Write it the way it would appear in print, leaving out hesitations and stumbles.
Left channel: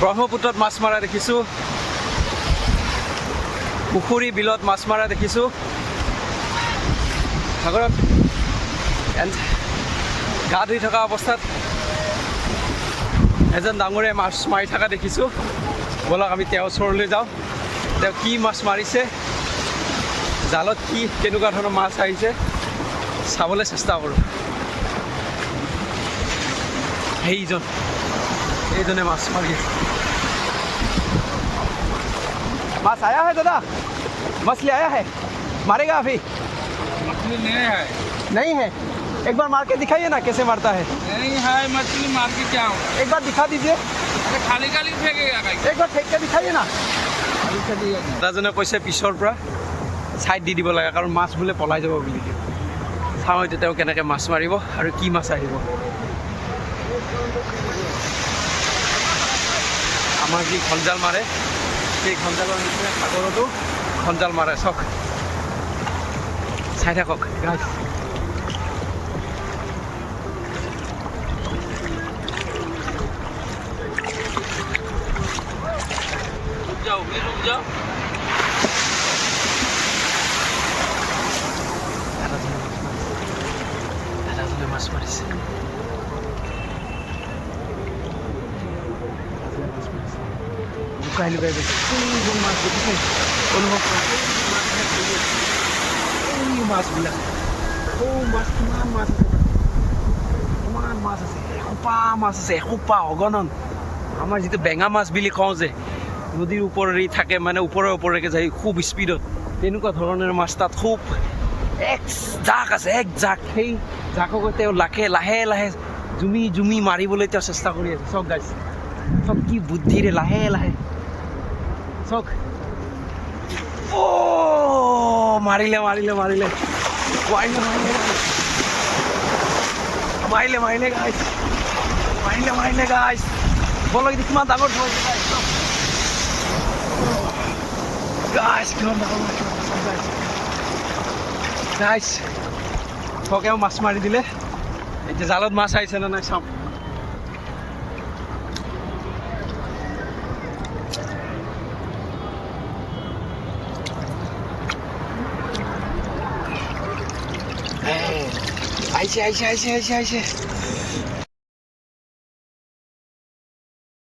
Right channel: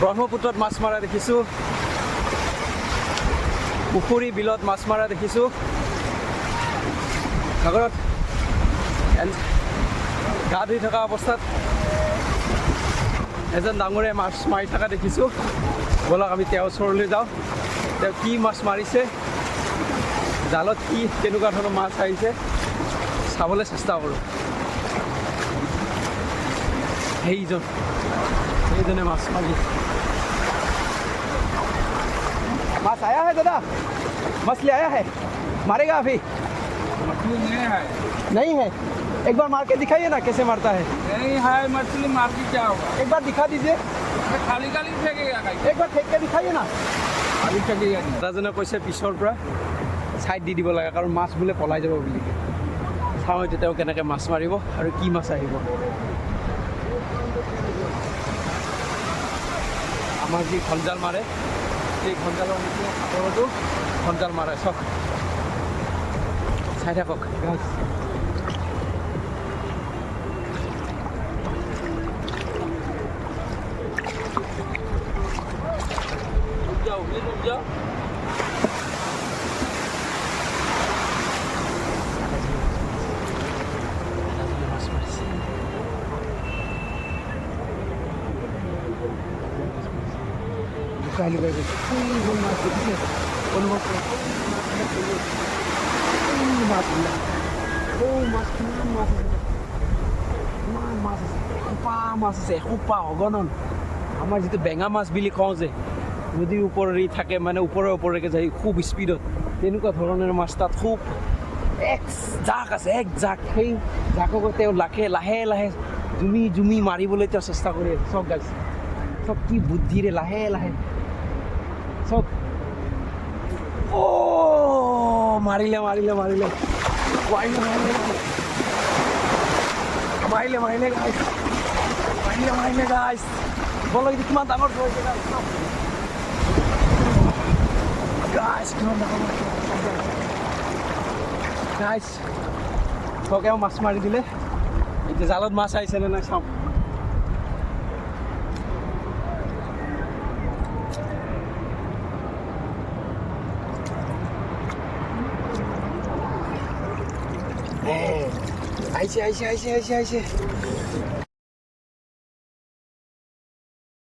ব্ৰহ্মপুত্ৰত মাছ মৰা দেখিছোঁ, পুখুৰী বিলত মাছ মৰা দেখিছোঁ, সাগৰত গা ধুই থকা অৱস্থাত এজন ডাঙৰে মাছ মাৰি থকা দেখিছোঁ। ব'লক আমি তেওঁৰ ওচৰলৈ যাওঁ, তেওঁ কি মাছ মাৰিছে, জালত কি কেনেকুৱা ধৰণৰ মাছ আহিছে চাবলৈ চেষ্টা কৰোঁ। সেইজনে মাছ মাৰি আছে। माछ आया है दादा, मछली आया है, मारेगा अभी? मछली नहीं है। एक बार मार के दिखाइए ना कैसे मारता है। नहीं है मछली, मार के क्या होगा? एक बार दिखा दीजिए, खाली खाली फेंकेगा एक बार फेंक के दिखाइए ना। দাদাজনে কৈছে পিছৰ পৰা ছাইড দি দিব লাগে, কাৰণ মাছ বোলে পলাই যাব বুলি। চাওঁ এতিয়া তেওঁ কেনেকৈ মাছ মাৰিব আৰু কি মাছ আহিব। আমাৰ যি খঞ্জাল মাৰে, সেই খঞ্জালৰ নিচিনা সাগৰতো খঞ্জাল মাৰে। চাওক, চাই থাকক গাইজ। रुक जाओ। দাদাজনে মাছ মাৰিছে। লুকাই লুকাই গৈছে। মাছ দেখিছে, অনুভৱ কৰা মাছবিলাক। মাছ কিমান মাছ আছে, কিমান মাছ আছে, এসোপা মাছ আছে, এসোপা অগণন। আমাৰ যিটো বেঙা মাছ বুলি কওঁ যে, নদীৰ ওপৰেৰে থাকে, মানে ওপৰেকে যায় খুব স্পীডত, তেনেকুৱা ধৰণৰ মাছ তাত খুব এক জাক আছে, এক জাক। সেই জাকক তেওঁ লাহে লাহে জুমি মাৰিবলৈ তেওঁ চেষ্টা কৰি আছে। চাওক গাইজ, চাওক কি বুদ্ধিৰে লাহে লাহে। চাওক, মাৰিলে গাইজ। বলক এইটো কিমান ডাঙৰ ধৰিছে গাইজ, কিমান ডাঙৰ গাইজ। চকেও মাছ মাৰি দিলে। এতিয়া জালত মাছ আহিছে নে নাই চাওঁ। আহিছে।